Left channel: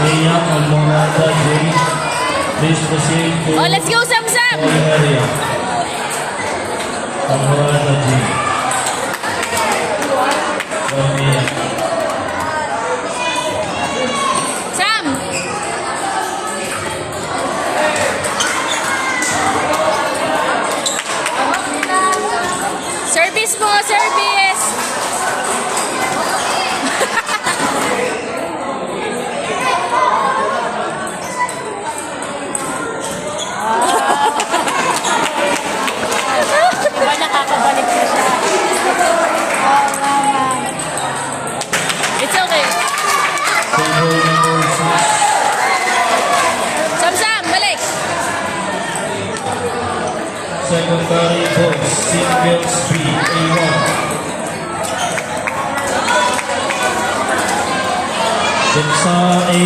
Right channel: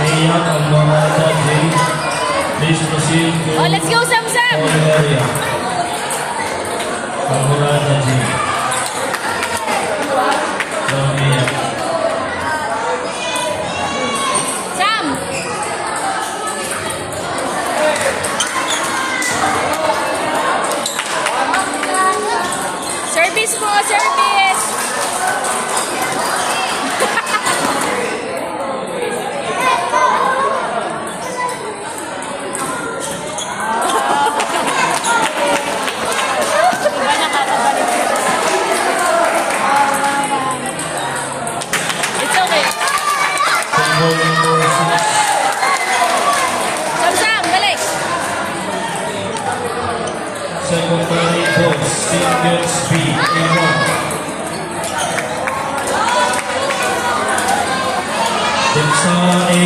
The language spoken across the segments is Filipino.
Ayan, Alvarada Jade. Please proceed to Oh, let's go, Sam Sam! calling area. Alvarada Jade. Down here. Sam! Service po, service! It's okay. Single number 6. Sam Sam, balik! Secretary Box, single speed, A1. Bansa A,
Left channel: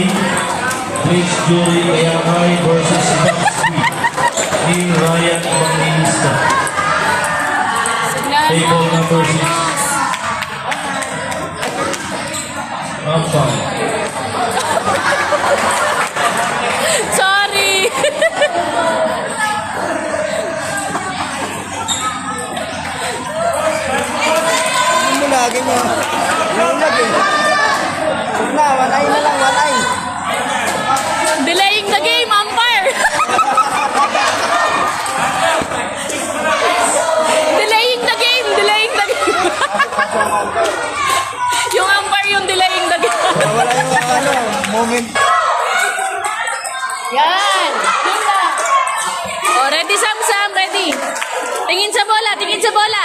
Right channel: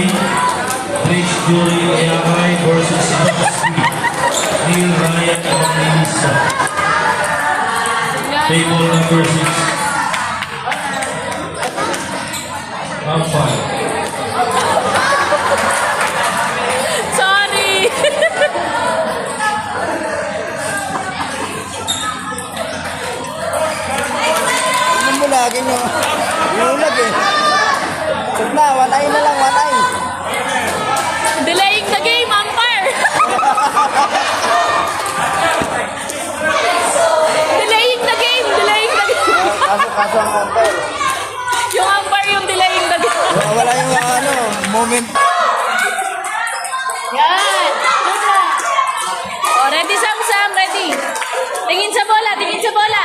Bridge Jury Ayangay versus Top Speed, ni Ryan Evangelista. Table number 6. Umpire. Sorry! Ano mo lagi nyo? Ulag eh. Huwag na, walay na lang, walay. Delaying the game, umpire! Delaying the game! Delaying the game! Yung umpire yung delaying the game. Wala yung moment. Yan! Oh, ready, Sam Sam, ready. Tingin sa bola, tingin sa bola.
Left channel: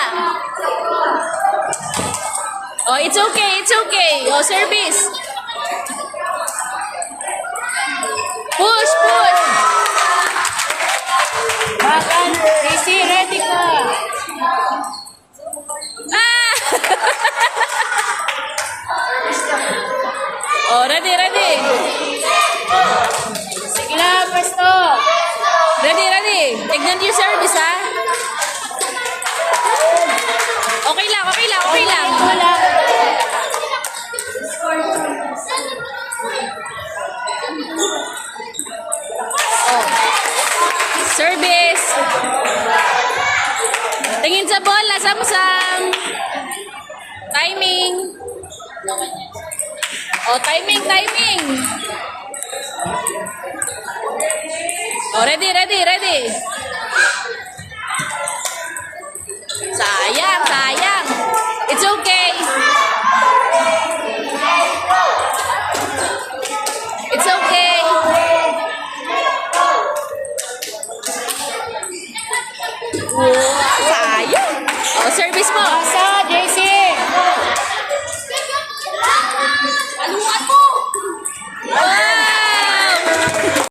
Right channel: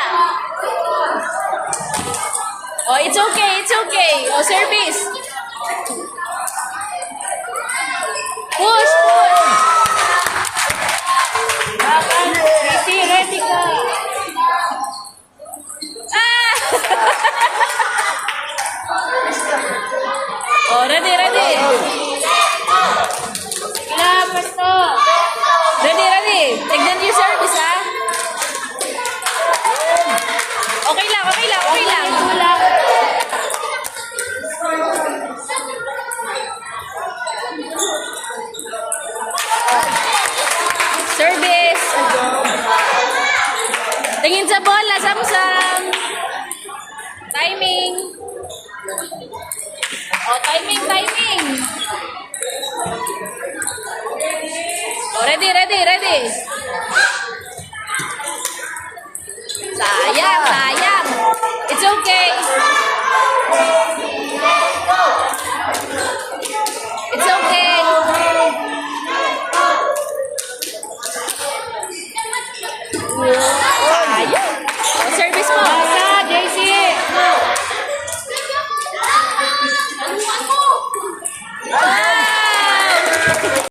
Oh, it's okay, it's okay. Oh, service. Push, push. Casey, ready ka. Ah! Oh, ready, ready. Sige na, presto. Ready, ready. Tignan yung service, ha? Okay lang, okay lang, okay lang. Oh. Service. Tingin sa bola, Sam-Sam. Timing. Oh, timing, timing. Oh, ready, ready, ready.